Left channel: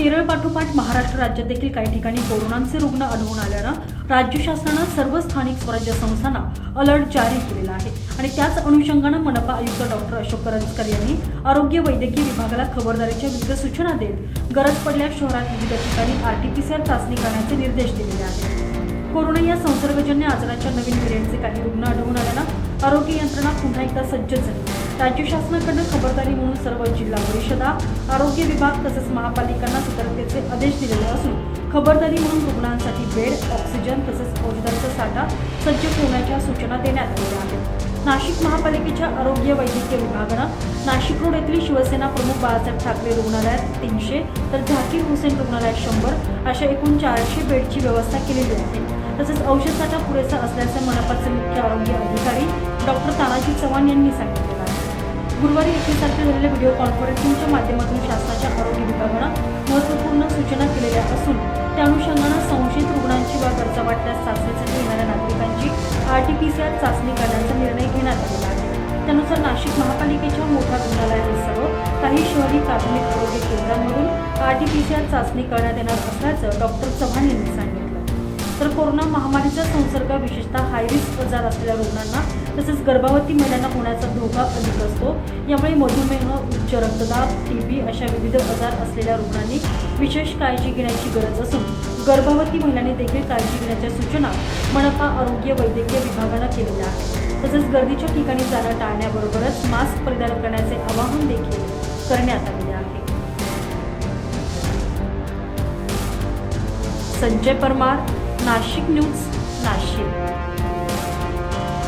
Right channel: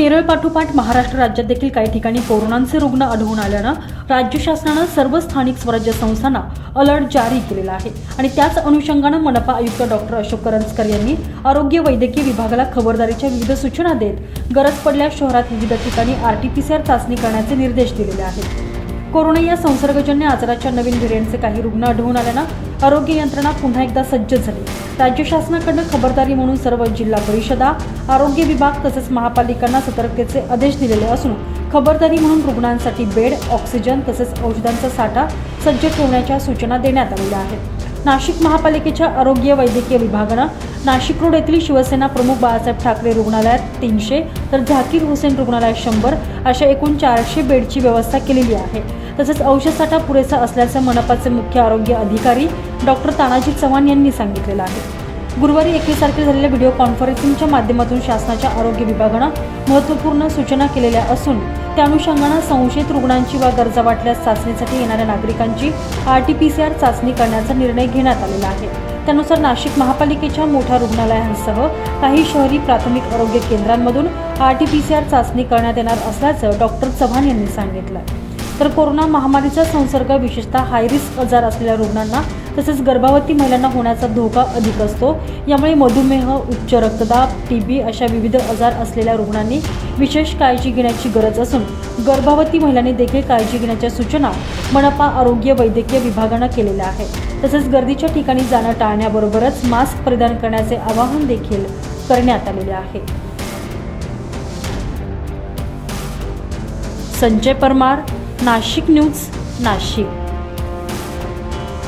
केरळ पाठोपाठ महाराष्ट्र राज्यात देखील काही ठिकाणी कोरोनाचे रुग्ण आढळून आल्यानं राज्य शासनानं सर्व स्थानिक स्वराज्य संस्थांना अलर्ट जारी केलेला आहे. आणि त्याच अनुषंगानं मनपा आयुक्त डॉक्टर अशोक करंजकर यांनी आरोग्य वैद्यकीय विभागाला खबरदारीच्या विविध सूचना देत गरज पडल्यास शहरात विविध ठिकाणी आरटीपीसीआर चाचणी करण्याचे निर्देश दिलेले आहेत. कोरोना या संसर्गजन्य आजाराच्या नवीन व्हेरियंटचे काही रुग्ण आढळून आल्यानं आरोग्य यंत्रणा पुन्हा एकदा सज्ज झाली. राज्य शासनाकडनं खबरदारी म्हणून सर्व जिल्हा परिषदा आरोग्य विभाग तसेच महापालिकांना सतर्कतेचे आदेश दिलेले असून खबरदारी म्हणून रुग्णांसाठी बेड ऑक्सिजन तसेच औषधांचा साठा सज्ज ठेवण्याच्या सूचना देण्यात आलेल्या आहेत. नाशिक महापालिकेच्या आरोग्य वैद्यकीय विभागानं नाशिक रोड येथील शिवसेना प्रमुख बाळासाहेब ठाकरे रुग्णालयात तीनशे तर झाकीर हुसेन रुग्णालयात शंभर अशा एकूण चारशे बेडची व्यवस्था केलेली आहे. तसेच औषध साठा पुरेसा असल्याचं मनपाचे मुख्य आरोग्य अधिकारी डॉक्टर तानाजी चव्हाण यांनी सांगितलेलं आहे. गुरुवारी एकवीस तारखेला झालेल्या व्हिडिओ कॉन्फरन्सिंगच्या माध्यमातून शासनाच्या आरोग्य विभागानं महत्त्वपूर्ण सूचना केलेल्या असून त्या अनुषंगानं संशयित रुग्णांची वा गरजा वाटल्यास चाचणीसाठी येणाऱ्या नागरिकांची R T P C R चाचणी करण्याचा निर्णय घेण्यात आलेला आहे. त्यानुसार नाशिक महापालिकेच्या मोठ्या रुग्णालयांसह काही शहरी प्राथमिक आरोग्य केंद्रांमधून R T P C R चाचणी करण्यात येणार असल्याचं डॉक्टर चव्हाण यांनी सांगितलं. तर कोरोना महामारीचा संसर्ग विशेषतः हायरिस्क आजार असलेल्या रुग्णांना तसेच गर्भावती महिलांना होण्याचा धोका अधिक असतो. यामुळे मधुमेह उच्च रक्तदाब टीबी अशा विविध आजार असलेल्या रुग्णांनी विशेष काळजी घेण्याची गरज असून गर्भावती महिलांनी देखील काळजी घेण्याच्या सूचना मनपा आरोग्य वैद्यकीय विभागानं केलेल्या आहेत. तसेच गर्दीच्या ठिकाणी जाणं टाळण्याबरोबरच मास्क परिधान करण्याचे आवाहन देखील करण्यात आलेले आहे. संजय परमार नाशिक न्यूज नाशिक.